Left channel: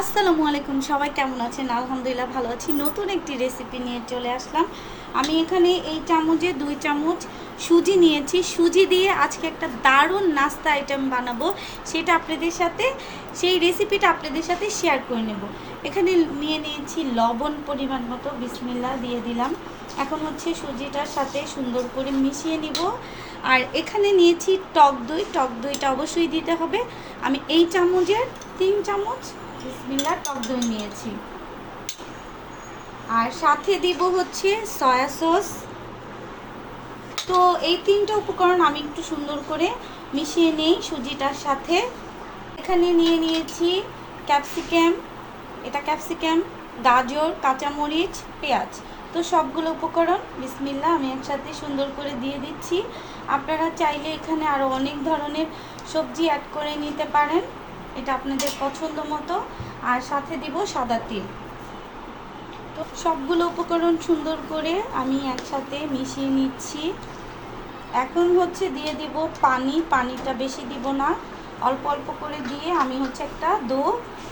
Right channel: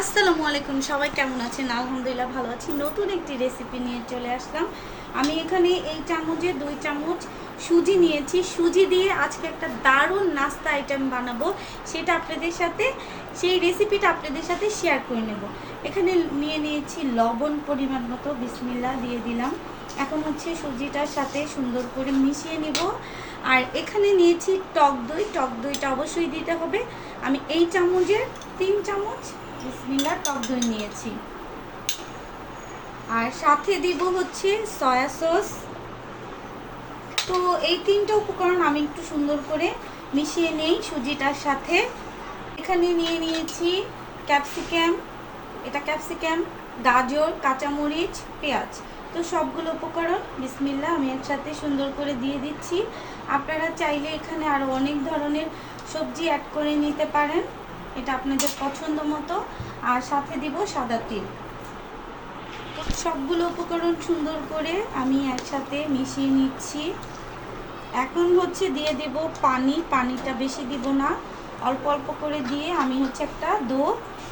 আসসালামু আলাইকুম, সবাই কেমন আছেন? আলহামদুলিল্লাহ ভালো আছি। নতুন একটি রেসিপি নিয়ে চলে আসলাম। আমি এখানে এই চামচে দুই চামচ সুজি নিয়েছি। সুজি দিয়ে আজকে একটা দারুণ নাস্তা আইটেম বানাবো। সেটা আপনাদের সাথে, সেই রেসিপিটা আপনাদের সাথে শেয়ার করে নেব। এখানে নিয়ে নিয়েছি লবণ পরিমাণ মতো বিসমিল্লা দিয়ে দিলাম। এখন হচ্ছে সুজিটার সাথে সুন্দর করে মিশিয়ে নিব। আর এখানে নিয়েছি টক দই। টক দইটা অবশ্যই দিতে হবে। আমি এই চামচের তিন চামচ বিসমিল্লা টক দই নিয়েছি। আর সাথে দিব হচ্ছে সয়া সস। তো এই তিনটে উপকরণ আমি একটু সুন্দর করে মিশিয়ে নেই সুজিটার সাথে। এখানে নিয়ে নিয়েছি ক্যাপসিকাম, এটা ক্যাপসিকাম, গাজর, কাঁচামরিচ, পেঁয়াজ। তো সবগুলো উপকরণ বিসমিল্লা আমি একসাথে সুন্দর করে দিয়ে দিচ্ছি। আপনারা চাইলে এখানে আরও অনেক ধরনের সবজি অ্যাড করে নিতে পারেন। এটা আপনাদের পছন্দ মতো। আর সাথে দিব সাদা তিল। সবগুলো উপকরণ সুন্দর করে আমি একসাথে মিশিয়ে নিচ্ছি। এখন হচ্ছে দিয়ে দেব পানি। পানিটা বেশি দিব না। অল্প অল্প করে দিয়ে আমি হচ্ছে একটা দো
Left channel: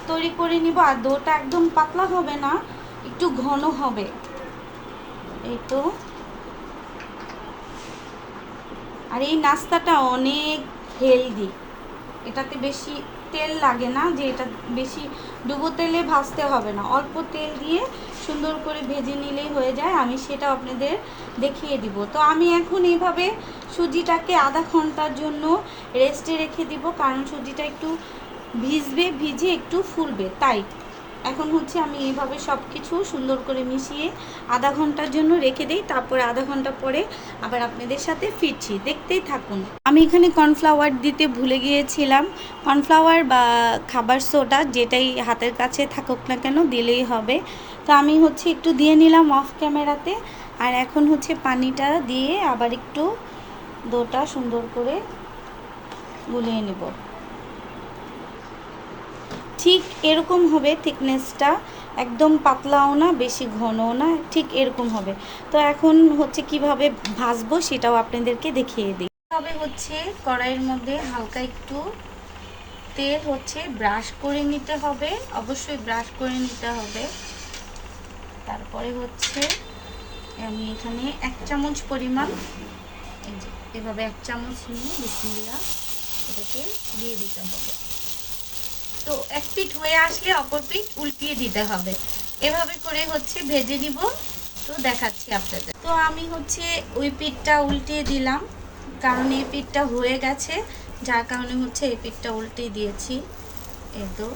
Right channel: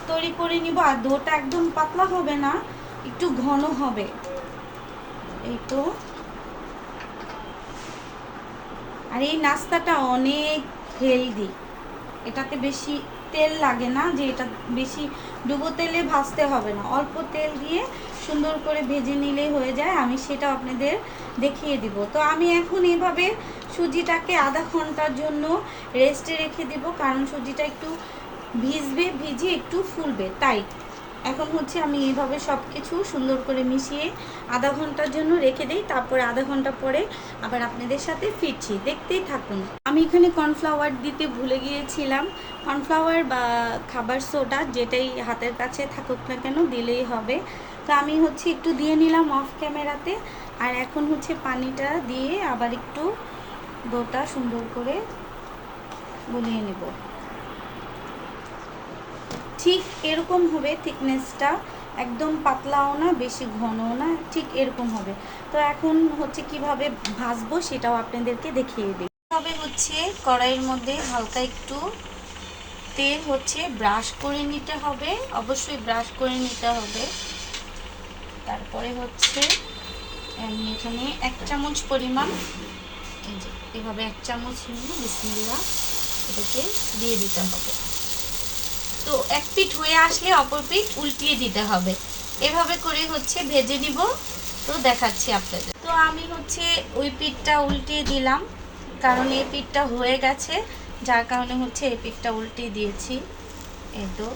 তৈরি করে নিব। আর দোটা একদম পাতলা হবে না, একটু ঘন হবে। এই তো। আর এই নাস্তাটা অনেক হেলদি। এটাতে বেশি তেল লাগে না, যে এটা বেশি ডুবো তেলে ভাজতে হবে না। অল্প তেল দিয়ে সুন্দর করে ভেজে নিলেই হয়ে যায়, আমি সেটা আপনাদের দেখিয়ে দিব। তো আমি এখন এইভাবে সুজিটাকে আধা ঘণ্টার জন্য রেস্টে রেখে দিব, কারণ সুজিটা একটু ভিজবে ভিজে একটু ফুলবে, তাই। এখন হচ্ছে আমি এইভাবে সব কিছু সুন্দর করে মিশিয়ে আধা ঘণ্টার জন্য রেখে দিই, তারপর আধা ঘণ্টা পরে আবার আপনাদের সাথে ফিরছি। দেখতেই থাকুন। আমি এখানে কর্নফ্লাওয়ার দিতে ভুলে গিয়েছিলাম। কর্নফ্লাওয়ার বা খাবার সোডা যেটাই হাতের কাছে থাকুক না কেন দিলেই হবে। তো আমি হচ্ছে একটু দিয়ে নিলাম অফ ক্যামেরাতে। আর এখন হচ্ছে পানিটা দিয়ে আবার একটু দোটা সুন্দর করে গুলিয়ে নেব। ঠিক এরকম হবে থিকনেসটা একদম পাতলাও না, বেশি ঘনও না, ঠিক এরকম হবে। তো এখন হচ্ছে কীভাবে ভাজবো সেটাও আপনাদেরকে দেখিয়ে দিই। তবে হচ্ছে কড়াইয়ের মধ্যে হালকা একটু তেল হচ্ছে ব্রাশ করে নিতে হবে, অবশ্যই ব্রাশ করে নিতে হবে। তারপরে হচ্ছে আমি এখানে এক চামচ পরিমাণ, এই এভাবে এক চামচ নিয়ে বিসমিল্লা এটাকে দিয়ে দিতে হবে। তো এক পিঠ হয়ে আসলে অপর পিঠ উল্টিয়ে দিতে হবে। এভাবে করে হচ্ছে ভেজে নিব। তো দেখাচ্ছি আপনাদের। তো আমি হচ্ছে ওই পিঠটা উল্টিয়ে দিলাম, কারণ এই পিঠটা হয়ে গেছে, যার কারণে হচ্ছে এই পিঠটা উল্টিয়ে দিয়েছি। এই তো,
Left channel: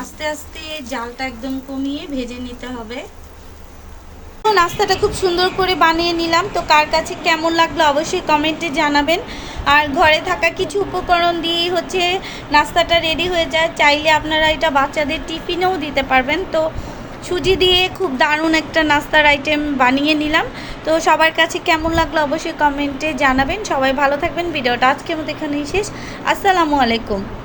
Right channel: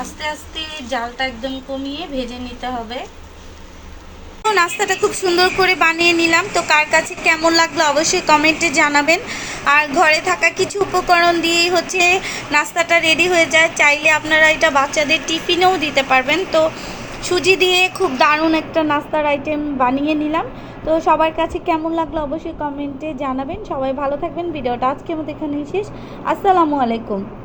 আস্তে আস্তে জালটা একদম কমিয়ে ভেজে নিতে হবে। নাস্তাটা খুব সুন্দর করে বানিয়ে নিলাম। তো কার কাছে কেমন লাগল অবশ্যই কমেন্টে জানাবেন। আর ঘরে থাকা কিছু উপকরণ দিয়েই হচ্ছে নাস্তাটা রেডি হয়ে যায়। চাইলে আপনারা এটা বাচ্চাদের টিফিনেও দিতে পারবেন। তো সুজি দিয়ে খুব দারুণ একটা নাস্তার আইটেম বানিয়ে নিলাম। তো সবার কাছে কেমন লাগল অবশ্যই কমেন্টে জানাবেন। সবাই ভালো থাকবেন। ভিডিওটা আজকের মতো এখানেই শেষ। আসসালামু আলাইকুম।